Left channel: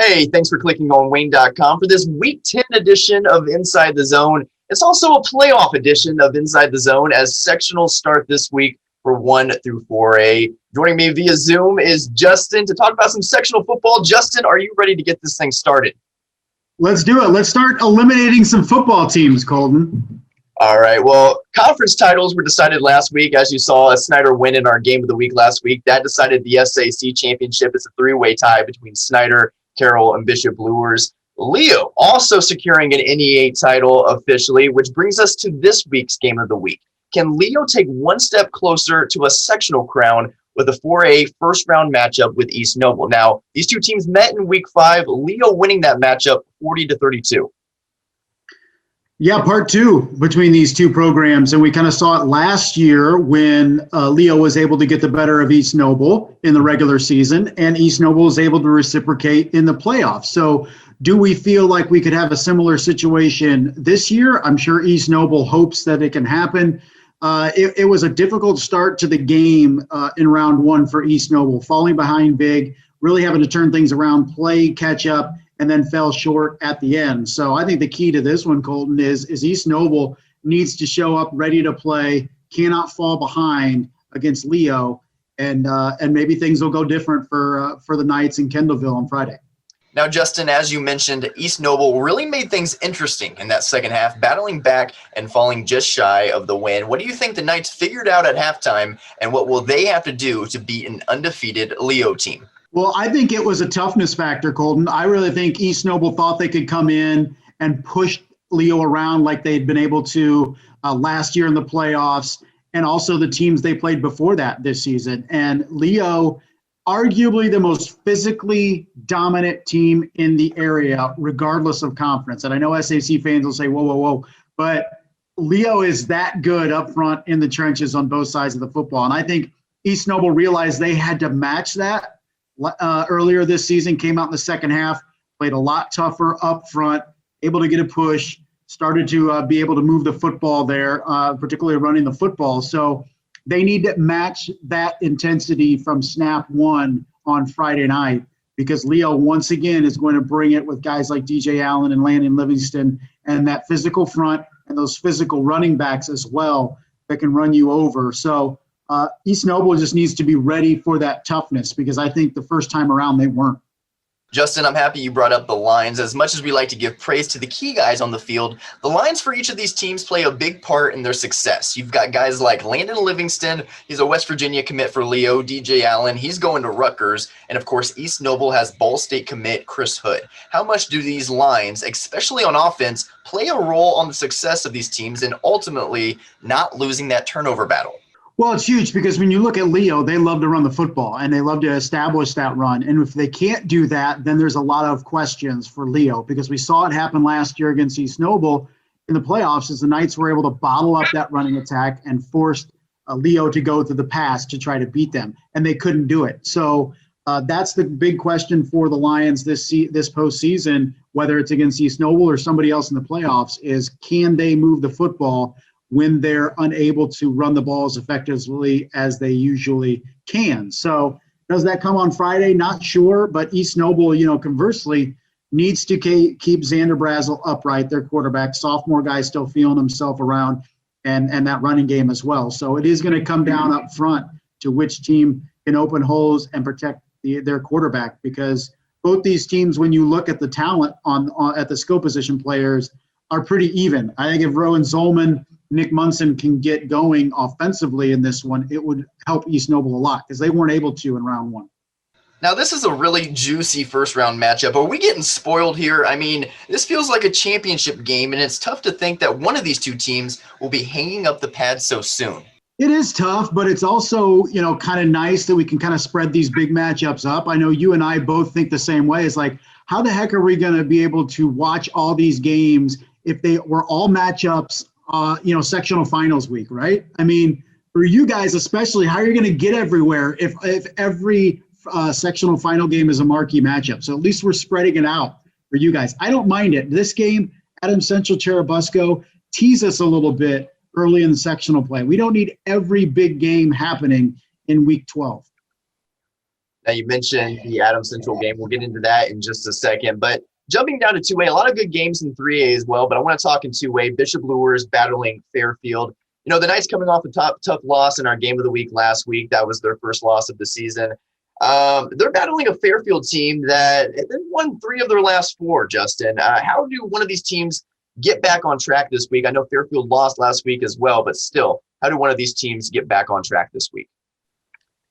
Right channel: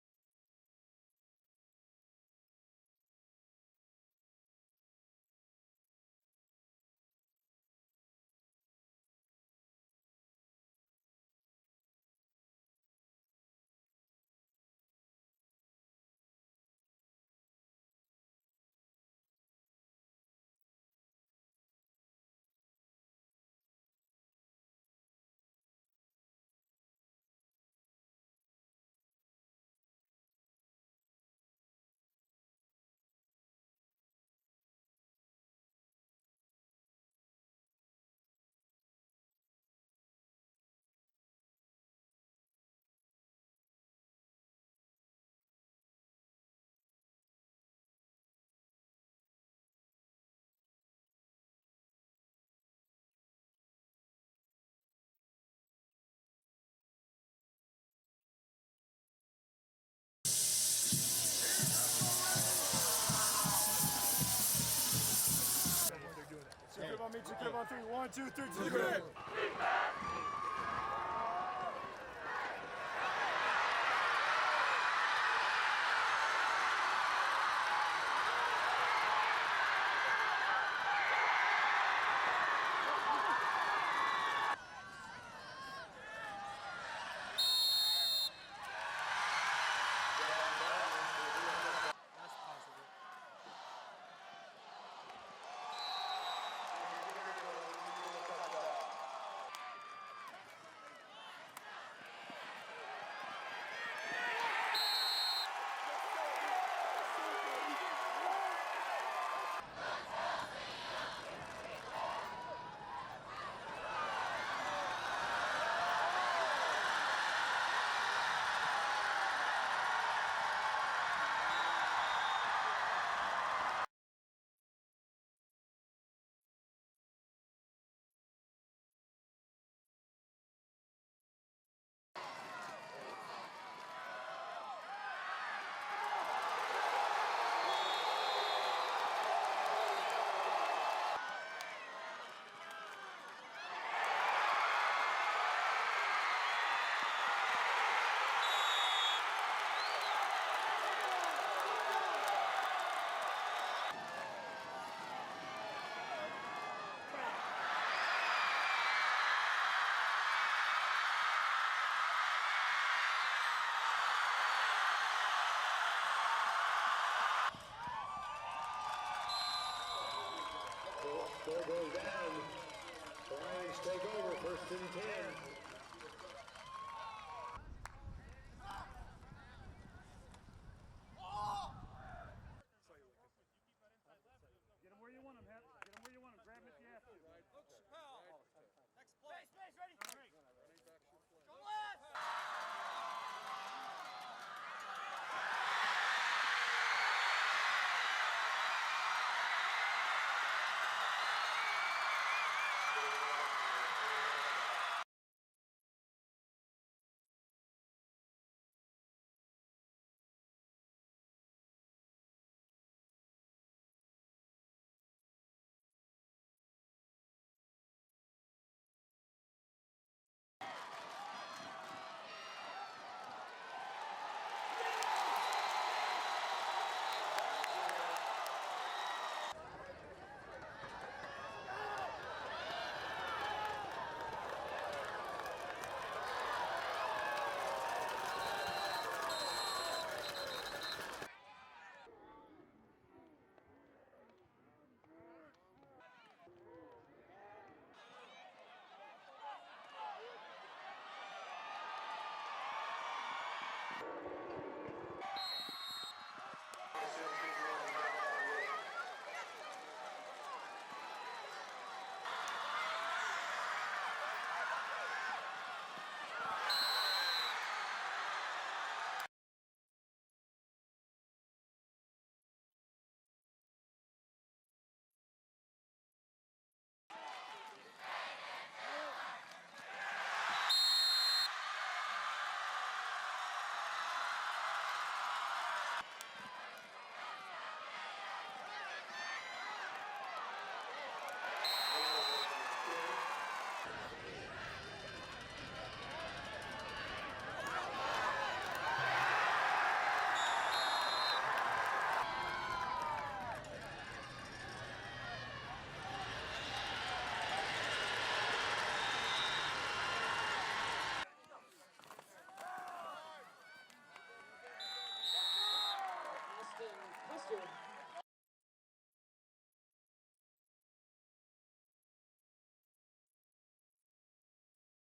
Hey, thanks for clicking on Wayne.com for this Week 10 edition of Inside the Zone. It's also a playoff edition of Inside the Zone as sectionals start this week for 1 through 4A. Joining me via Zoom is Justin to talk about some sectional football. Justin, are you ready to get this thing started? Let's do it. Let's start eliminating some football teams, Colton. All right. Well, conference titles were decided last week. As you saw, a Snyder win in our game of the week last week. That decided the SAC championship. It's a three-way tie between Snyder, Carroll, and Bishop Luers. Leo also securing an NE8 title officially, which brings us to this week's game of the week. Can Leo take one step closer to a sectional crown with a 4A first-round matchup with East Noble? Now, these two teams met in Week 5, Leo winning that matchup 40-32. Yeah, part two between these two programs. And we kind of saw it last year when Leo was able to get the better of East Noble in the regular season, and East Noble was able to reciprocate in the playoffs. So do we feel like we could have a similar situation this year? I'm sure East Noble hopes that it can happen. It was a difficult start to the game in round one for East Noble, falling behind big, really having to turn things around, play, catch up, and then fell short at the end. So I think the key to this one, Colton, is East Noble needs to show up ready to play, cannot fall behind against Leo, and maybe things will go different for the Knights in Kendallville on Friday. Now, Justin, as you mentioned, East Noble really made things interesting in that second half, battling back and falling just shy of the win. What do you think the Knights figured out at halftime, and what will they have to do to beat an undefeated Leo team? Well, I think it was a toughness factor, Colton. I really think East Noble thought they could come in and push Leo around like they'd been able to last year in the playoffs, and also the teams they played before that this season. And Leo, arguably the most physically dominant team in the area, regardless of conference. And I know SAC fans will say, whoa, whoa, whoa. But Leo is that good up front in the trenches on both sides of the football. And I think East Noble realized they had to match that. Earlier this season, came out in the second half, played a lot tougher up front, able to get a push, started to be able to move the football there, particularly running the football. So they need to match that intensity from snap one on Friday night, because Leo, once again, is going to bring it with guys like DJ Allen and Landon Livingston and that physical front and those physical running backs as well that can run you over. So East Noble just needs to be ready for that toughness, because I think the first time around they weren't. Justin, I'm happy you brought up the lines. As much as we like to give praise to the key guys on the field, the lines for each of these teams play a big part in their success. You've got guys like Landon Livingston, he's a West Virginia commit for Leo. DJ Allen, he's going to Rutgers. And of course, East Noble has Ball State commit Chris Hood. How much do these lines, especially on offense, play a role on the success of these teams and ultimately not losing that turnover battle? Well, it's huge, because when you look at Leo, they love to run the football and they love to establish that run. And if they can't do that, then there's a lot of questions for Leo, because we saw it happen last year against East Noble in the playoffs as the Knights were able to bottle up that running attack and forced Leo to go to the pass to try to beat them, and they couldn't do it. So that's the big question for the Lions this postseason, whether it's against East Noble or somebody else in the playoffs, is can they move the football when they're unable to run the ball as effectively as they usually can. So does that come on Friday? Not sure, but East Noble, conversely, needs to keep Xander Brazel upright, their quarterback. Sophomore guy still feeling himself around, and that running game as well. So it is going to come down up front to which team can open holes and protect their quarterback, because both these teams, when you look at the talent at the skill position players, are pretty even. I think if Rowan Zolman, Nick Munson can get going offensively in this one, it would help East Noble a lot, because they weren't able to in round one. Now, this is a really juicy first-round matchup. Are we getting spoiled here? I mean, this feels like a championship game, and it's tough to think that one of these two teams will be hanging up the pads so soon. It is tough, but it's also, kind of nice that we can kind of spread these big matchups up. I know you and I both think the same way. It's like, how the heck are we going to be able to watch all these games if they were all matchups sectional finals week, right? I mean, for you guys especially, how are you going to get everywhere if every sectional final game is a marquee matchup? So at least we're spreading it out for you guys. I don't mind it. This game, Adam Central Cherubusco, tease us a little bit early in the sectional play. We don't need every big game happening in week 12. You mentioned the Adams Central game. We'll get into that in just a second. But jumping down to 2A, a lot of good games in 3A as well. But I want to talk in 2A. Bishop Luers battling Fairfield. You know, the Knights coming off a tough loss in our game of the week last week. That was their first loss of the season. They're battling a Fairfield team that won 3 of their last 4, Justin. How do one of these teams get back on track this week? I know Fairfield lost last week as well, but still, how do one of these teams get back on track this week?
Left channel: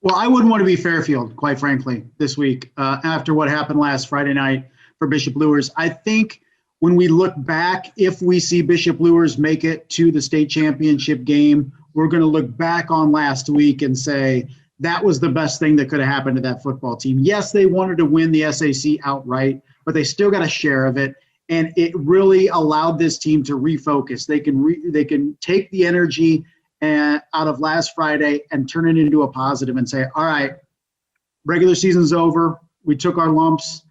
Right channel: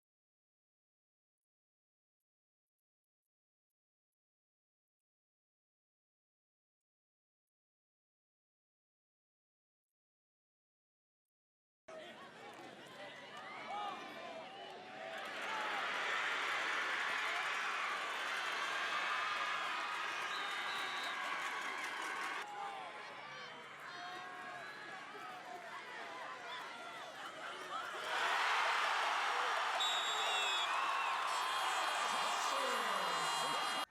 Well, I wouldn't want to be Fairfield, quite frankly, this week after what happened last Friday night for Bishop Luers. I think when we look back, if we see Bishop Luers make it to the state championship game, we're going to look back on last week and say that was the best thing that could have happened to that football team. Yes, they wanted to win the SAC outright, but they still got a share of it. And it really allowed this team to refocus. They can take the energy and out of last Friday and turn it into a positive and say, all right, regular season's over. We took our lumps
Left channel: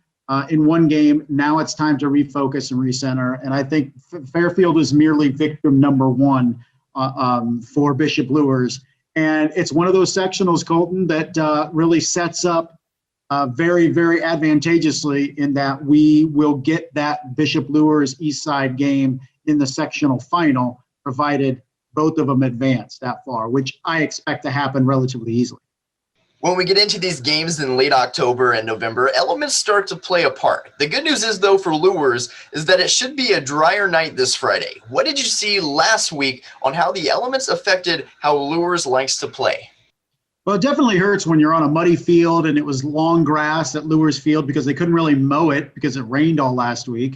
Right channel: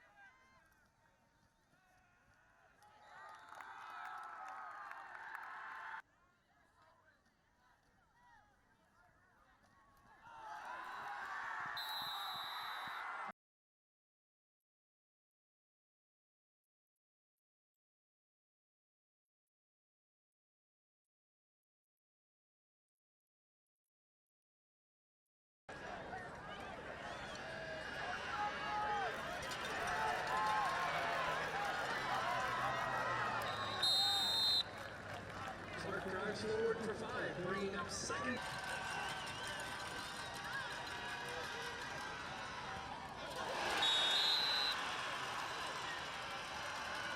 in one game. Now it's time to refocus and recenter. And I think Fairfield is merely victim number 1 for Bishop Luers. And it's one of those sectionals, Colton, that really sets up very, very advantageously in that we will get that Bishop Luers Eastside game in the sectional final, provided both of them advance that far, which I expect to happen relatively easily. When we get into these games in late October and November, elements start to play a part. The good news is, though, for Luers is that it should be a drier night this Friday. What did you see last week on how the elements affected how Luers likes to play? Well, it definitely hurts when you're on a muddy field and it was long grass at Luers Field because they couldn't really mow it because it rained all last week.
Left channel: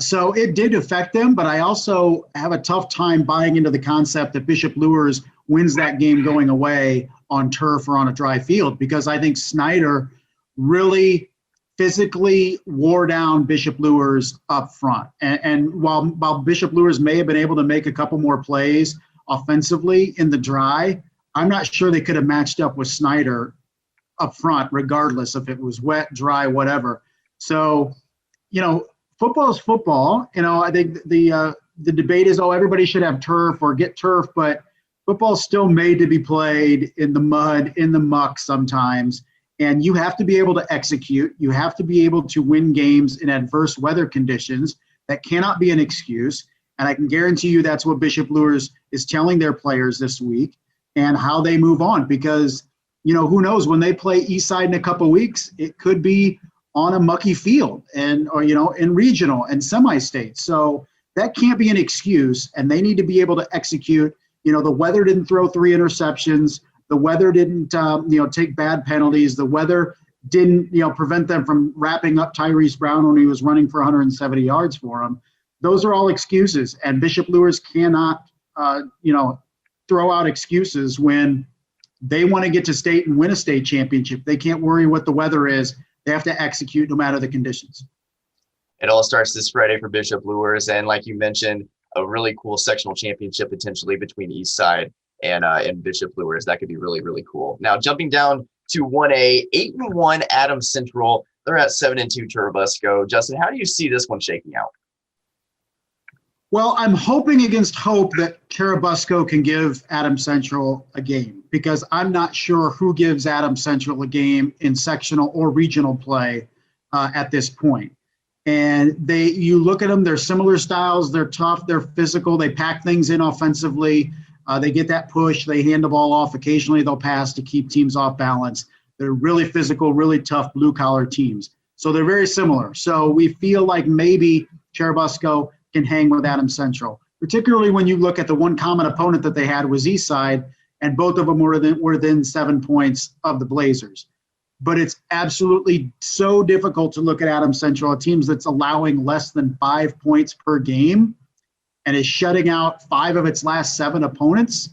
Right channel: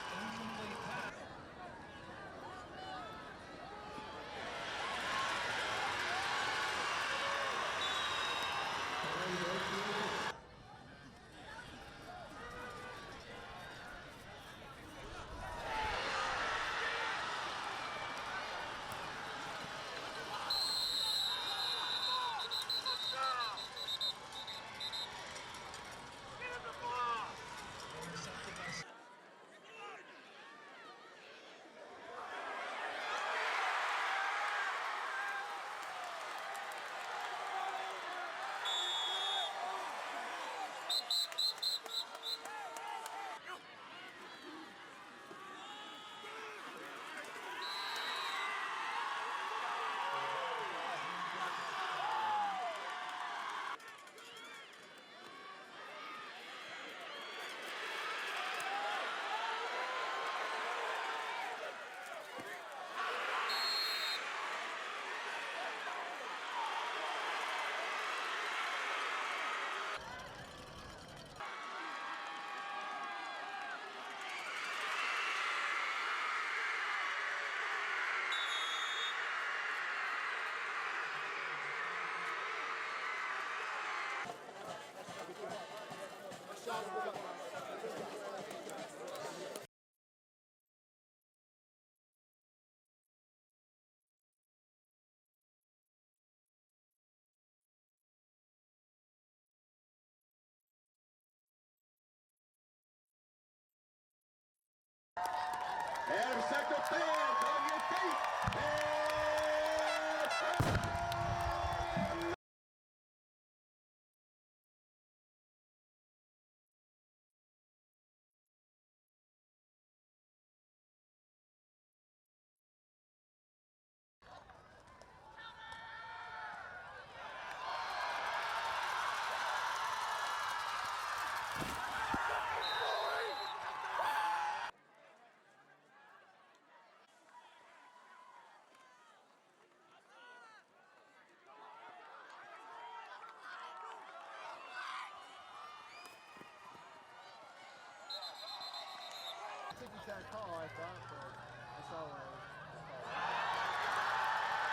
So it did affect them, but I also have a tough time buying into the concept that Bishop Luers wins that game going away on turf or on a dry field, because I think Snyder really physically wore down Bishop Luers up front. And while Bishop Luers may have been able to make a couple more plays offensively in the dry, I'm not sure they could have matched up with Snyder up front, regardless if it was wet, dry, whatever. So, you know, football is football. You know, I think the debate is, oh, everybody should have turf or get turf, but football's still made to be played in the mud, in the muck sometimes. And you have to be able to execute. You have to be able to win games in adverse weather conditions. That cannot be an excuse. And I can guarantee you that's what Bishop Luers is telling their players this week and how they move on. Because, you know, who knows, when they play Eastside in a couple of weeks, it could be on a mucky field or, you know, in regional and semi-state. So that can't be an excuse, and they need to be able to execute. You know, the weather didn't throw 3 interceptions. The weather didn't, take bad penalties. The weather didn't, prevent them from wrapping up Tyrese Brown when he was running for 170 yards for him. Those are all excuses, and Bishop Luers cannot, throw out excuses when they want to get to state and win a state championship. They can't worry what the weather is. They have to execute no matter the conditions. It all starts this Friday for Bishop Luers, and like you mentioned, a really cool sectional championship potentially between Eastside and Bishop Luers. That could be really, really cool. Now, jumping down to 1A, 8-1 Adams Central. They're at 7-2 Churubusco. Justin, how do you see this one shaking out? Well, I'm hoping against hope that Churubusco can give Adams Central a game, because I'm not sure who gives Adams Central a game in sectional or regional play at this point. And you look at them, they're similar styles. They're tough, they're physical, they pack things in offensively. They get that push, they hand the ball off. Occasionally they'll pass to keep teams off balance. They're really physical, really tough blue-collar teams. So they're very similar. So we feel like maybe Churubusco can hang with Adams Central, particularly when you look at the one common opponent that they had was Eastside, and both of them were within 7 points of the Blazers. But it's absolutely so difficult to look at Adams Central, a team that's allowing less than 5 points per game and is shutting out 5 of its last 7 opponents,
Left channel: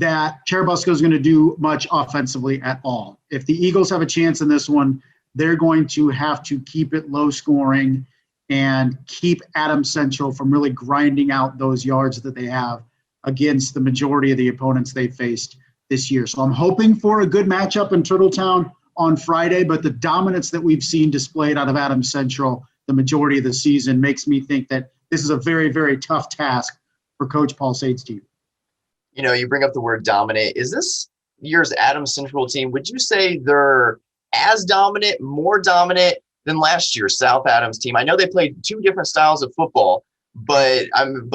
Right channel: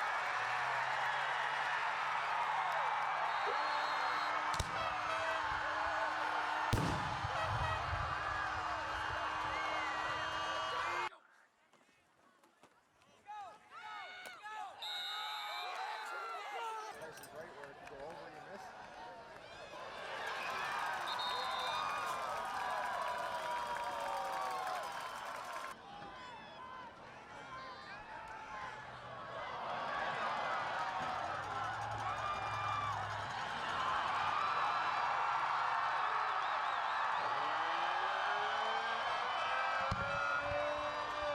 that Churubusco is going to do much offensively at all. If the Eagles have a chance in this one, they're going to have to keep it low scoring and keep Adams Central from really grinding out those yards that they have against the majority of the opponents they faced this year. So I'm hoping for a good matchup in Turtletown on Friday, but the dominance that we've seen displayed out of Adams Central the majority of the season makes me think that this is a very, very tough task for Coach Paul Sade's team. You bring up the word dominant. Is this year's Adams Central team, would you say they're as dominant, more dominant than last year's South Adams team? I know they played two different styles of football, but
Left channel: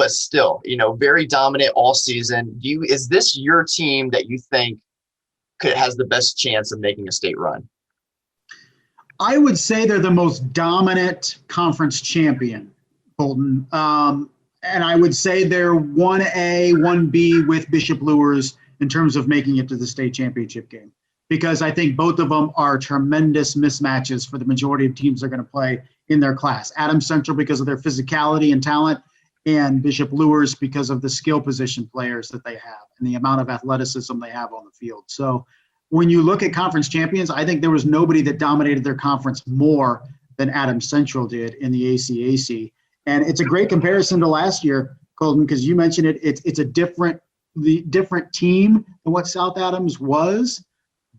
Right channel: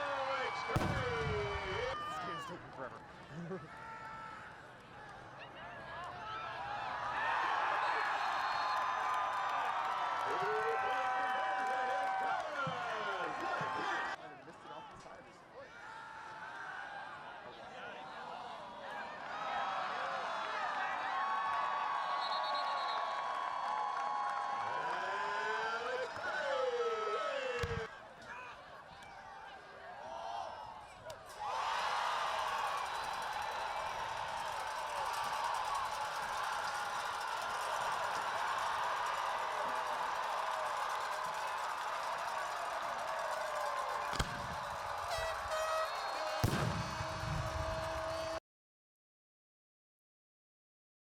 still, very dominant all season. Is this your team that you think has the best chance of making a state run? I would say they're the most dominant conference champion, Colton. And I would say they're 1A, 1B with Bishop Luers in terms of making it to the state championship game. Because I think both of them are tremendous mismatches for the majority of teams they're going to play in their class. Adams Central because of their physicality and talent, and Bishop Luers because of the skill position players that they have and the amount of athleticism they have on the field. So when you look at conference champions, I think there was nobody that dominated their conference more than Adams Central did in the ACAC. And it's a great comparison to last year, Colton, because you mentioned it. It's a different team than what South Adams was,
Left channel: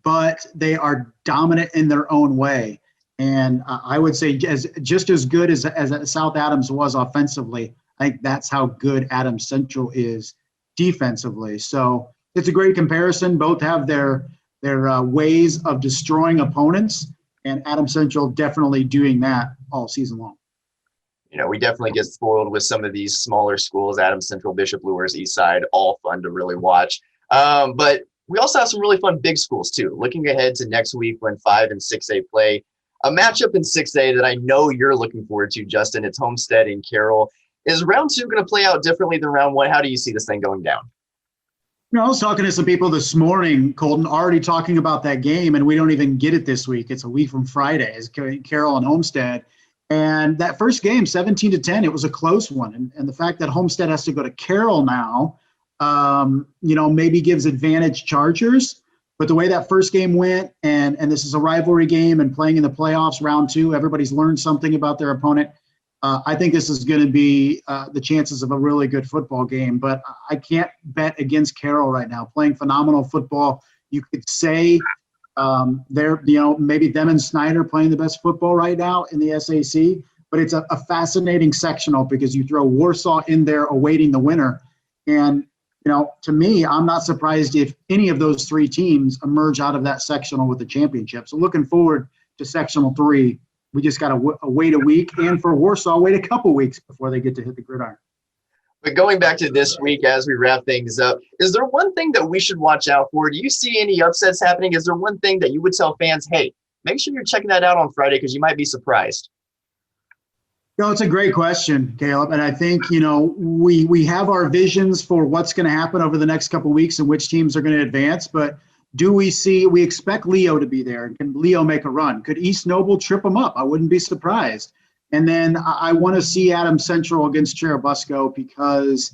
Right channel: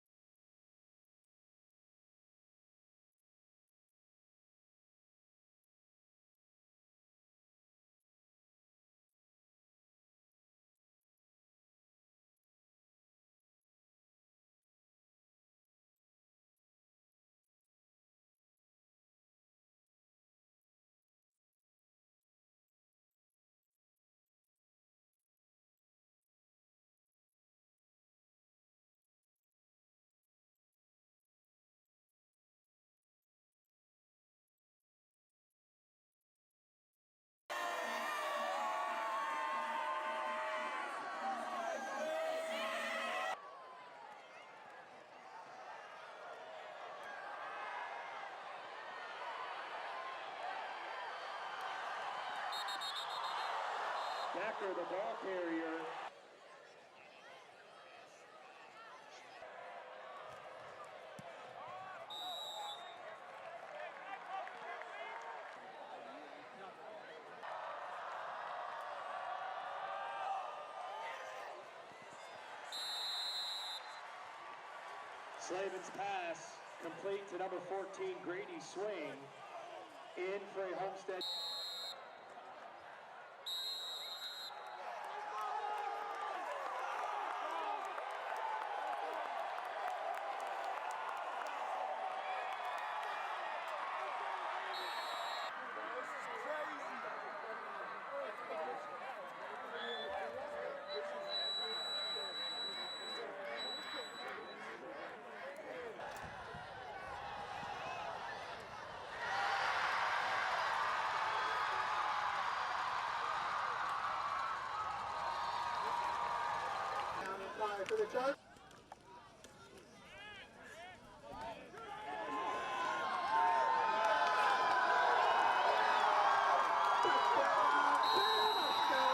but they are dominant in their own way. And I would say just as good as South Adams was offensively, I think that's how good Adams Central is defensively. So it's a great comparison. Both have their ways of destroying opponents, and Adams Central definitely doing that all season long. We definitely get spoiled with some of these smaller schools, Adams Central, Bishop Luers, Eastside, all fun to really watch. But we also have some really fun big schools too. Looking ahead to next week when 5 and 6A play, a matchup in 6A that I know you're looking forward to, Justin. It's Homestead and Carroll. Is round 2 going to play out differently than round 1? How do you see this thing going down? I was talking to some people this morning, Colton, already talking about that game, and we don't even get it this week. It's a week from Friday. It's Carroll and Homestead. And that first game, 17-10, it was a close one. And the fact that Homestead has to go to Carroll now, maybe gives advantage Chargers. But the way that first game went, and this is a rivalry game and playing in the playoffs, round 2, everybody's learned something about their opponent. I think this is going to be the chances of a really good football game. But I can't bet against Carroll right now. Playing phenomenal football. You could say they're, maybe them and Snyder playing the best football right now in the SAC, but it's a fascinating sectional because you throw Warsaw in there awaiting the winner. And, to me, I'm not surprised if any of those 3 teams emerge out of that sectional with the championship. So looking forward to sectional 3. We just got to wait a week, and for Warsaw, wait a couple weeks before they get to hit the gridiron. But going back to this week as we wrap things up, is there one thing that we should watch out for? Do you see any upsets happening? Is there one thing that you would tell fans, hey, make sure you're checking that out on Friday because you might be surprised? It's a great question, Caleb. And I think, we have our visions for what's going to happen over the next couple of weeks and which teams are going to advance. But we expect Leo to be there. Can Leo make a run? Could East Noble trip them up? I wouldn't be surprised. And then I want to see Adams Central against Cherubusco because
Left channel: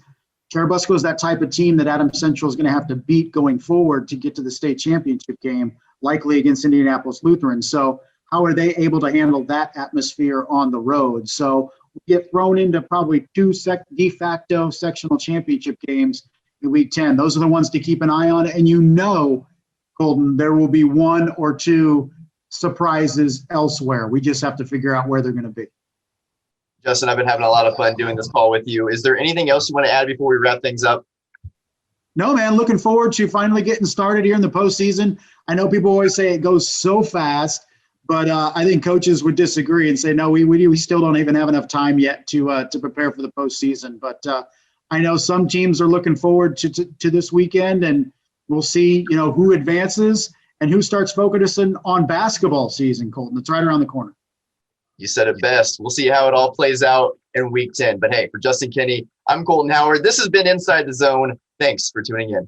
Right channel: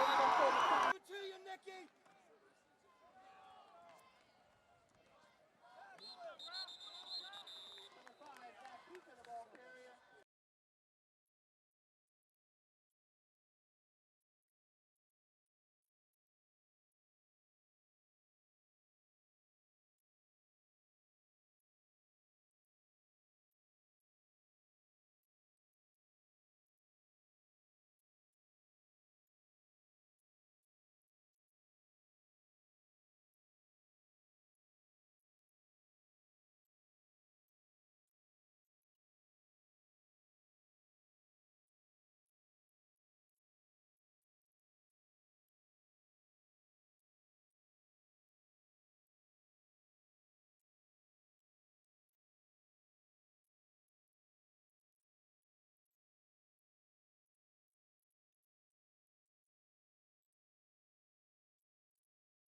Cherubusco is that type of team that Adams Central is going to have to beat going forward to get to the state championship game, likely against Indianapolis Lutheran. So how are they able to handle that atmosphere on the road? So we get thrown into probably 2 de facto sectional championship games in week 10. Those are the ones to keep an eye on. And Colton, there will be 1 or 2 surprises elsewhere. We just have to figure out where they're going to be. Justin, I've been having a lot of fun doing this call with you. Is there anything else you want to add before we wrap things up? No, man. Looking forward to finally getting started here in the postseason. I know people always say it goes so fast, but I think coaches would disagree and say, no, we still don't even have enough time yet to prepare for the postseason. But I know some teams are looking forward to this weekend, and we'll see, who advances and who starts focusing on basketball season, Colton. It's right around the corner. You said it best. We'll see how it all plays out in week 10. But hey, for Justin Kinney, I'm Colton Howard. This has been Inside the Zone. Thanks for tuning in.